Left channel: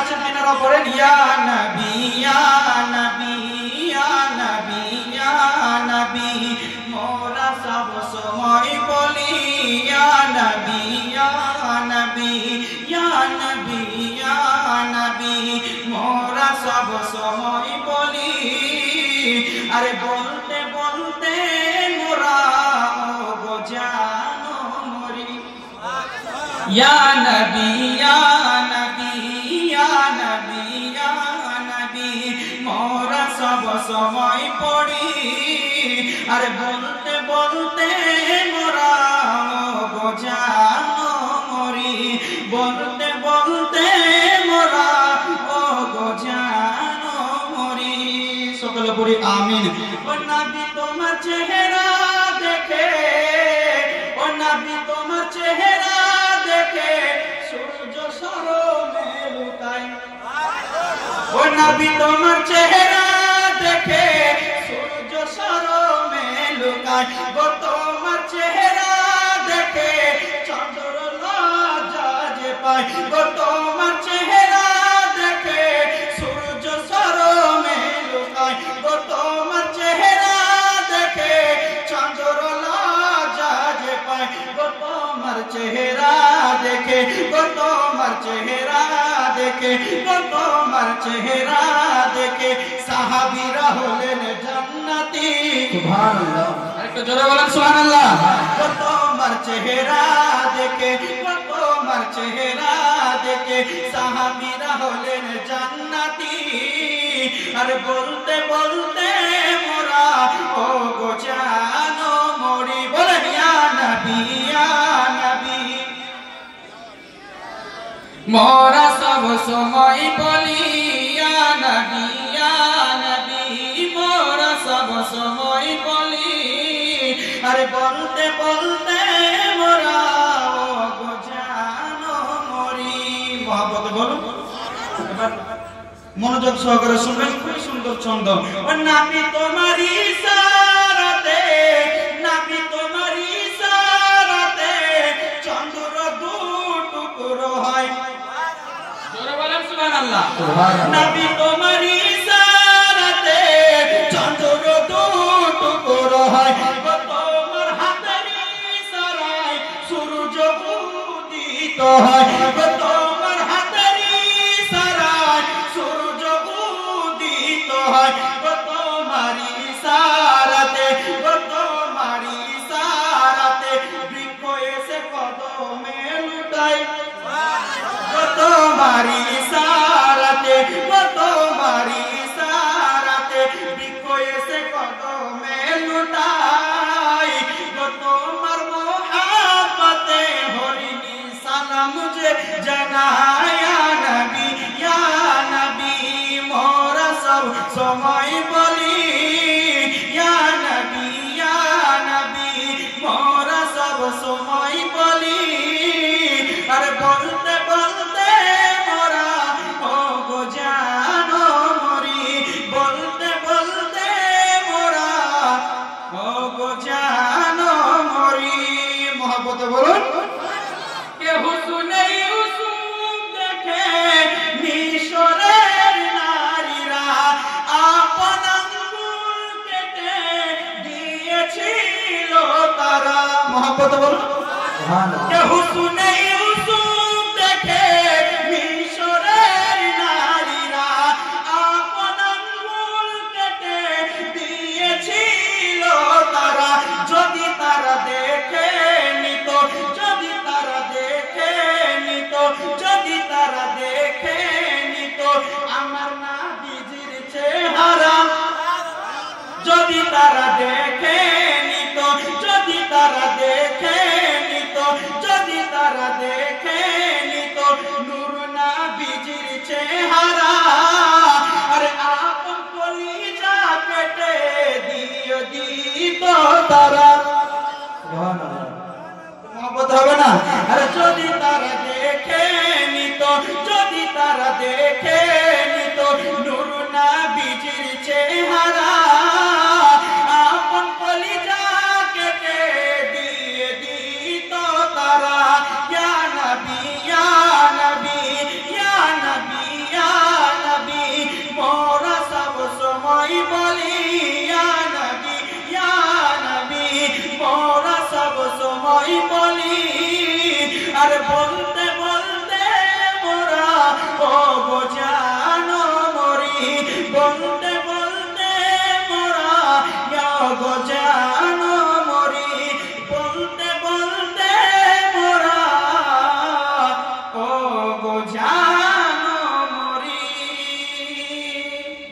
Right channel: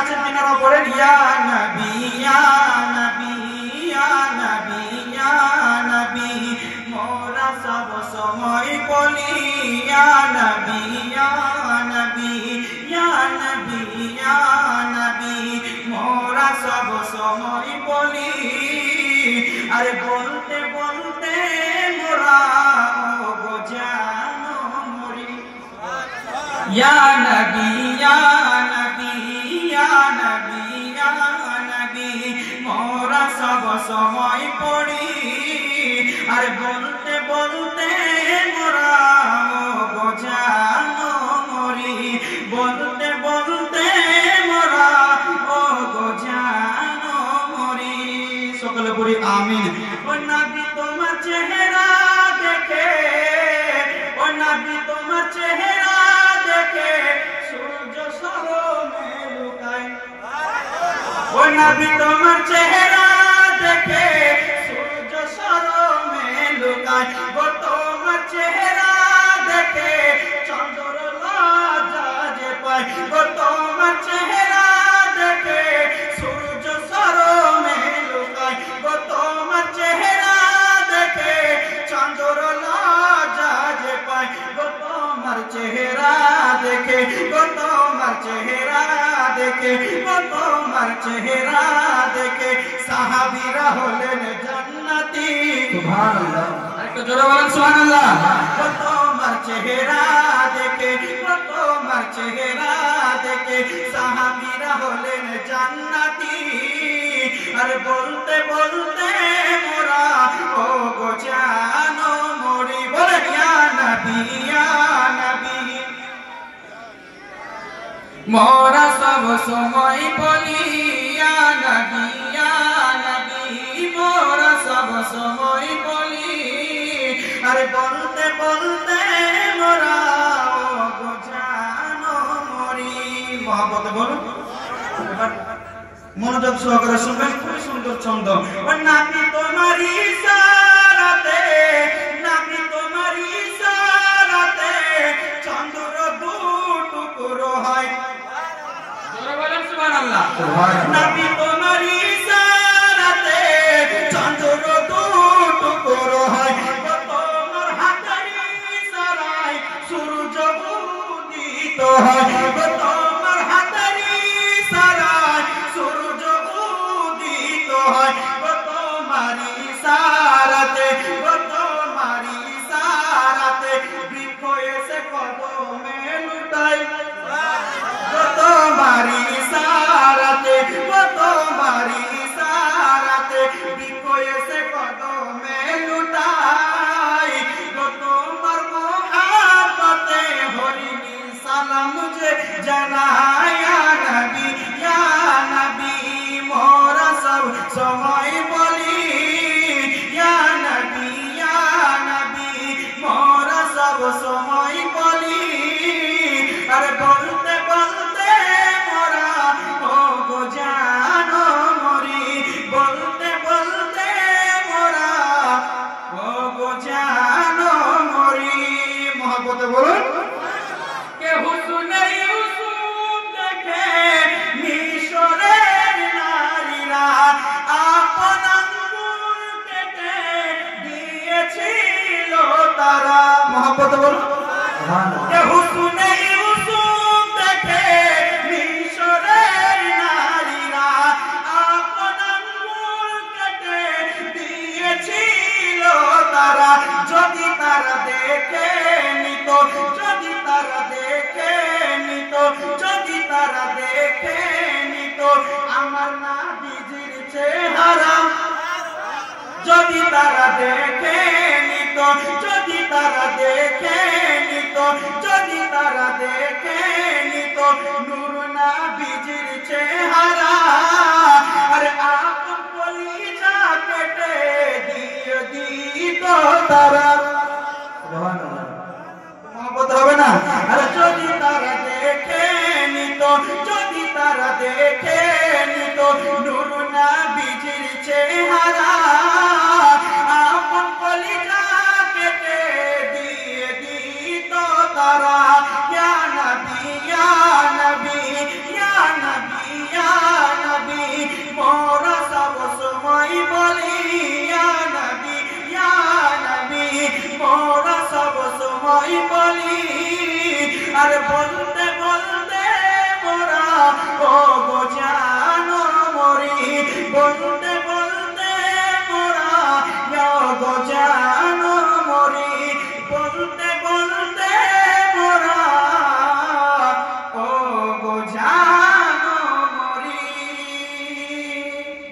আছেন তিনারা পড়েন ইয়া নবী ইয়া নবী ইয়া নবী ইয়া নবী মোরা সব সময় বলি ইয়া নবী ইয়া নবী ইয়া নবী ইয়া নবী মোরা সব সময় বলি আরে বলতে বলতে মোরা ও গো জানো মরি ইয়া নবী ইয়া নবী ইয়া নবী ইয়া নবী মোরা সব সময় পড়ি আরে বলতে বলতে মোরা ও গো জানো মরি বলতে বলতে মোরা ও গো জানো মরি সকলে পড়ি আমিন ও নবী তোমার চেহারা দেখে ও নবী তোমার চেহারা দেখে সূর্য শরমে লুকায় ও নবী তোমার চেহারা দেখে সূর্য শরমে লুকায় গো তোমার চেহারা দেখে চন্দ্র লজ্জা যে পায় গো তোমার চেহারা দেখে সূর্য শরমে লুকায় গো তোমার চেহারা দেখে চন্দ্র লজ্জা যে পায় গো তোমার চেহারা দেখে গো তোমার চেহারা দেখে গো তোমার চেহারা দেখে সাহাবীরা হলেন জান্নাতি সুবহানাল্লাহ আরেকটু জোরে বলেন সুবহানাল্লাহ গো তোমার চেহারা দেখে গো তোমার চেহারা দেখে সাহাবীরা হলেন জান্নাতি আরে বলতে বলতে মোরা ও গো জানো মরি বলে ইয়া নবী ইয়া নবী মোরা সব সময় বলি ইয়া নবী ইয়া নবী মোরা সব সময় বলি আরে বলতে বলতে মোরা ও গো জানো মরি মহব্বত বলুন এবার মনোযোগ সহকারে শুনবেন খুবই সুন্দর ছন্দ ও নবী তোমার ইশারাতে নবী তোমার ইশারাতে চন্দ্র দুটুকরো হয় জোরে বলেন সুবহানাল্লাহ নবী তোমার ইশারাতে চন্দ্র দুটুকরো হয় তোমার হাতের ইশারায় সূর্য উদিত হয় তোমার হাতের ইশারায় সূর্য উদিত হয় তোমার ইশারাতে তোমার ইশারাতে বৃক্ষ এসে কদমে লুটায় তোমার ইশারাতে তোমার ইশারাতে বৃক্ষ এসে কদমে লুটায় তোমার মোহাব্বতে হরিনি সালাম যে জানায় ইয়া নবী ইয়া নবী মোরা সব সময় বলি ইয়া নবী ইয়া নবী মোরা সব সময় বলি আরে বলতে বলতে মোরা ও গো জানো মরি বলতে বলতে মোরা ও গো জানো মরি মহব্বতে বলুন কে হুসনে ইউসুফ দেখে মিশরের নারীরা আপন আঙ্গুল কেটে দিয়েছিল তারা মহব্বতে বলুন কে হুসনে ইউসুফ দেখে মিশরের নারীরা আপন আঙ্গুল কেটে দিয়েছিল তারা যদি তারা দেখে নিত যদি তারা দেখে নিত যদি তারা দেখে নিত আমার নবীজির চেহারা যদি তারা দেখে নিত যদি তারা দেখে নিত যদি তারা দেখে নিত নূর নবীজির চেহারা আরে আপন কলিজা কেটে দিয়ে দিত তারা সুবহানাল্লাহ মহব্বত হবে না আরে যদি তারা দেখে নিত যদি তারা দেখে নিত নূর নবীজির চেহারা আপন কলিজা কেটে দিয়ে দিত তারা ইয়া নবী ইয়া নবী ইয়া নবী সময় বলি আর বলতে বলতে মোরা ও গো জানো মরি বলতে বলতে মোরা গো জানো মরি বলতে বলতে মোরা ও গো জানো মরি।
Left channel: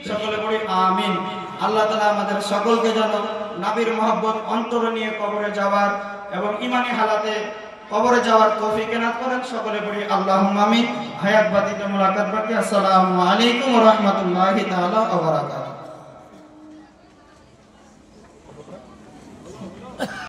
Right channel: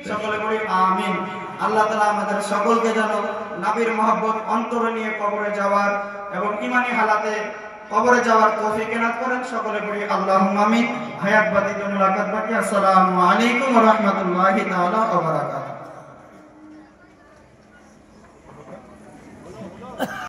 সকলে পড়ি আমিন। আল্লাহ তাআলা আমাদের সকলকে যেন নবীর মহব্বত অন্তরে নিয়ে কবরে যাওয়ার এবং ঈমানি হালাতে কবরে যাওয়ার তৌফিক এনায়েত করেন। সকলে পড়ি আল্লাহুম্মা আমিন। হায়াত বাদিতে মুলাকাত বাকি। আসসালামু আলাইকুম ওয়া রাহমাতুল্লাহি তাআলা ওয়া বারাকাতুহু।